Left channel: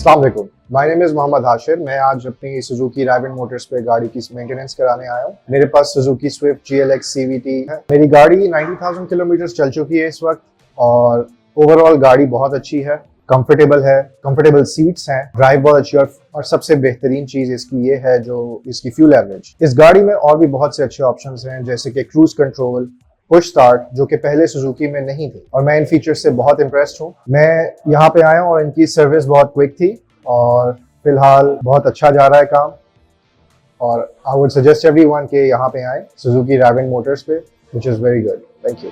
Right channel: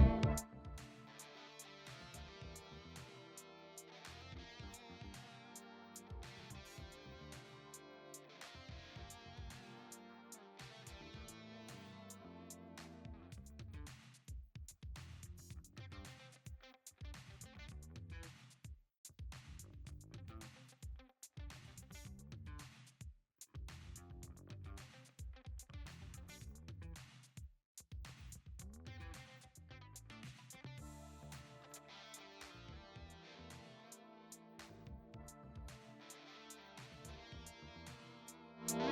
अस्सलाम वालेकुम, my name is Mohammad Hashir. मैं आज अपनी सुजुकी राइविंड मोटर्स पे गाड़ी की मेंटेनेंस कराने आया हूँ। मेरे पास सुजुकी स्विफ्ट GLX CVT है। मेरी गाड़ी 90,000 किलोमीटर चल चुकी है इस वक्त और ओवरऑल गाड़ी बहुत अच्छी है, कंफर्टेबल है, कंफर्टेबल सीट्स हैं, ड्राइव बहुत अच्छी और सबसे बेहतरीन चीज़ इसकी ये है जो इसकी फ्यूल एवरेज। इस गाड़ी में और भी बहुत से अच्छे ऑप्शंस हैं जैसे कि क्रूज कंट्रोल, पुश स्टार्ट, जो कि पहले सुजुकी में नहीं थे और मैं इन फीचर्स से बहुत इम्प्रेस्ड हूँ। मैं यहाँ पे आया हूँ और इनकी सर्विस बहुत क्विक थी और फिलहाल बहुत अच्छा जा रहा है काम और आई वुड सजेस्ट एवरीवन के यहाँ पे आए सुजुकी राइविंड मोटर्स पे, which is very good. Thank you.